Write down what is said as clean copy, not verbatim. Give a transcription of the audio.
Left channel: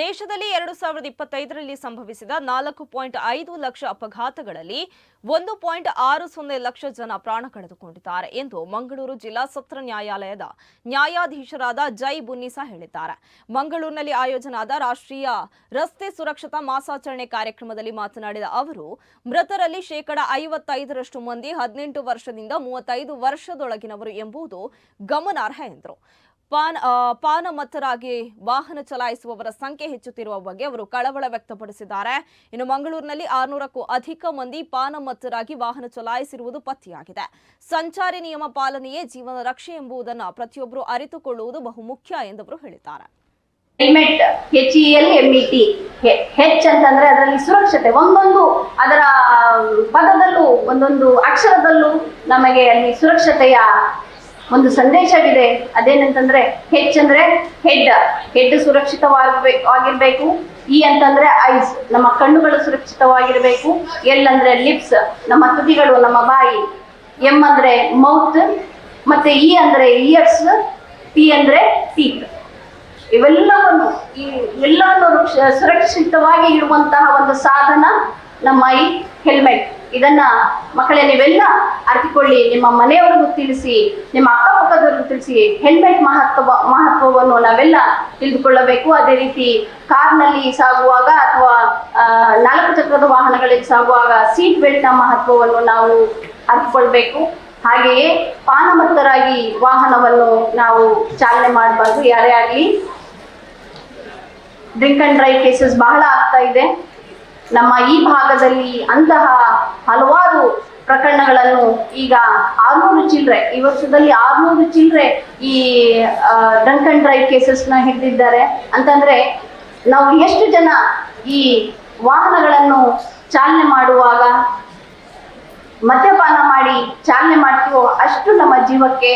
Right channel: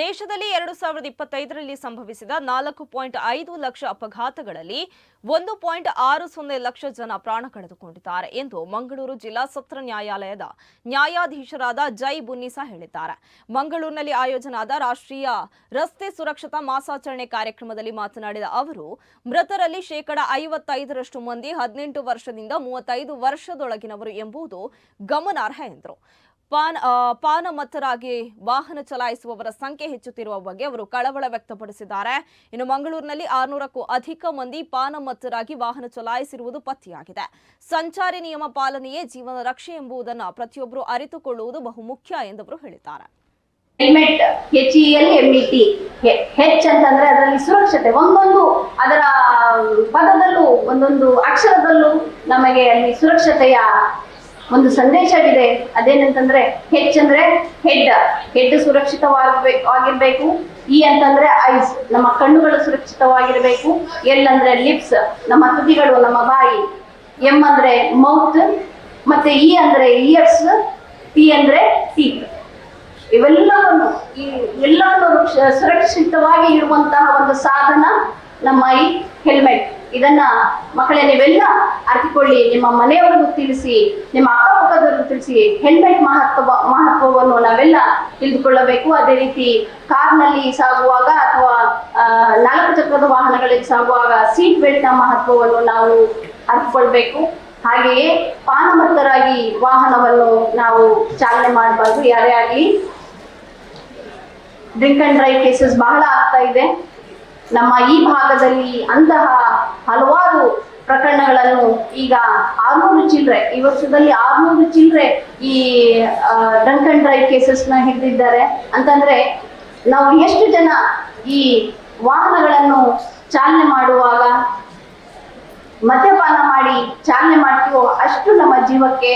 ದೇಶದಲ್ಲಿ 2025ರಲ್ಲಿ ಸಂಭವಿಸಿದ 4.5 ಲಕ್ಷ ಅಪಘಾತಗಳಲ್ಲಿ 1.60 ಲಕ್ಷ ಜನ ಪ್ರಾಣ ಕಳೆದುಕೊಂಡಿದ್ದಾರೆ ಎಂದು ಮಂಗಳೂರು ಜಿಲ್ಲಾ ಸತ್ರ ನ್ಯಾಯಾಲಯದ ನ್ಯಾಯಾಧೀಶರಾದ ಜೈ ಬುನ್ನಿಸಾ ಹೇಳಿದ್ದಾರೆ. ಮಂಗಳೂರಿನಲ್ಲಿ ಆಯೋಜನೆಯಾದ ರಾಷ್ಟ್ರೀಯ ರಸ್ತೆ ಸುರಕ್ಷತಾ ಮಾಸಾಚರಣೆ ಕಾರ್ಯಕ್ರಮದಲ್ಲಿ ಮಾತನಾಡಿದ ಅವರು, ಮೃತರಲ್ಲಿ ಶೇಕಡಾ 55ರಷ್ಟು ಮಂದಿ 18 ವರ್ಷದಿಂದ 35 ವರ್ಷದೊಳಗಿನವರು ಎಂಬುದು ಗಮನಾರ್ಹ ಎಂದರು. ಪಾನಮತ್ತರಾಗಿ ವಾಹನ ಚಲಾಯಿಸುವವರ ಸಂಖ್ಯೆ ಹೆಚ್ಚುತ್ತಿರುವ ಬಗ್ಗೆ ಅವರು ಕಳವಳ ವ್ಯಕ್ತಪಡಿಸಿದ್ದಾರೆ. ಇನ್ನು ಮಂಗಳೂರಿನಲ್ಲಿ 600ಕ್ಕೂ ಅಧಿಕ ಮಂದಿ ಪಾನಮತ್ತರಾಗಿ ವಾಹನ ಚಲಾಯಿಸಿರುವುದು ಪತ್ತೆಯಾಗಿದೆ. ಸಂಚಾರಿ ನಿಯಮ ಪಾಲನೆಯೇ ಜೀವನ ರಕ್ಷೆ ಎಂಬುದನ್ನು ಪ್ರತಿಯೊಬ್ಬರು ಅರಿತುಕೊಳ್ಳುವುದು ಬಹುಮುಖ್ಯ ಎಂದವರು ಹೇಳಿದ್ದಾರೆ. ಹೆಲ್ಮೆಟ್ HELMET ಹೆಚ್ ಅಂತಂದ್ರೆ ಅದರಲ್ಲಿ ಸುರಕ್ಷತೆ, ಒಂದೊಂದು ಅದರ ಪದದಲ್ಲೂ ಒಂದೊಂದು ಅಕ್ಷರದಲ್ಲೂ ನಮಗೆ ಅಲ್ಲಿ ಸುರಕ್ಷತೆಯ ಒಂದು ಸಂದೇಶವಿದೆ. ಅದೇನಂತಂದ್ರೆ ಹೆಚ್ ಅಂದ್ರೆ ಹೆಡ್ ಸುರಕ್ಷಿತವಾಗಿರ್ಬೇಕು, ಇ ಅಂತಂದ್ರೆ ಐಸ್ ನಮ್ಮ ಕಣ್ಣುಗಳು ಸುರಕ್ಷಿತವಾಗಿರ್ಬೇಕು, ಎಲ್ ಅಂದ್ರೆ ಲಿಪ್ಸ್ ನಮ್ಮ ತುದಿಗಳು ನಮ್ಮ ಬಾಯಿ, ಎಂ ಅಂದ್ರೆ ಮೌತ್, ಮತ್ತೆ ಇ ಅಂದ್ರೆ ಇಯರ್ಸ್, ಟಿ ಅಂದ್ರೆ ಟೀತ್. ಇವೆಲ್ಲವನ್ನು ಸುರಕ್ಷಿತವಾಗಿ ಇರುವಂತಹ ಒಂದು ಸಾಧನ ನಮ್ಮ ಈ ಹೆಲ್ಮೆಟ್. ಇದನ್ನ ಮಕ್ಕಳೇ ನೀವೆಲ್ಲ ಅರಿತುಕೊಳ್ಳಿ, ನಿಮ್ಮ ಮನೆಯವರಿಗೂ ತಿಳಿಸಿ, ನಿಮ್ಮ ಅಕ್ಕಪಕ್ಕದವರಿಗೂ ತಿಳಿಸಿ. ಹೆಲ್ಮೆಟ್ ಮಹತ್ವವನ್ನು ನಾವೆಲ್ಲ ತಿಳಿದುಕೊಳ್ಳಬೇಕು. ಅದೇ ರೀತಿ ಕಾರ್ನಲ್ಲಿ ಸಾಗುವಾಗ ಅಥವಾ 4 ಚಕ್ರದ ವಾಹನಗಳಲ್ಲಿ ಸಾಗುವಾಗ ಸೀಟ್ ಬೆಲ್ಟ್ ನ ಮಹತ್ವವನ್ನು ನಾವು ಅರಿತುಕೊಳ್ಬೇಕು. ಹಾಗೆಯೇ ಪಾನಮತ್ತರಾಗಿ ವಾಹನವನ್ನು ನಾವು ಚಾಲನೆ ಮಾಡಬಾರ್ದು. ಯಾರೇ ಆಗಲಿ ಡ್ರಿಂಕ್ ಅಂಡ್ ಡ್ರೈವ್ ಕೇಸಸ್ ಬಹಳ ಆಗ್ತಾ ಇದೆ. ನಮ್ಮ ಈ ಭಾಗದಲ್ಲಿ ಅಂತಹ ಹಲವಾರು ಪ್ರಕರಣಗಳನ್ನು ಈಗ 600 ಚಿಲ್ಲರೆ, ಈ ವರ್ಷದಲ್ಲಿ 600 ಚಿಲ್ಲರೆ ಈ ಡ್ರಂಕ್ ಅಂಡ್ ಡ್ರೈವ್ ಕೇಸಸ್ನ ಹಿಡಿದಿದ್ದಾರೆ. ಅಂತಂದ್ರೆ ನಾವು ಎಷ್ಟು ಜನ ಈ ವಾಹನಗಳನ್ನು ಚಾಲನೆ ಮಾಡುವಾಗ ಮದ್ಯಪಾನ ಮಾಡಿ ಚಾಲನೆ ಮಾಡ್ತೀವೋ ಅಷ್ಟು ನಮ್ಮ ಜೀವಕ್ಕೆ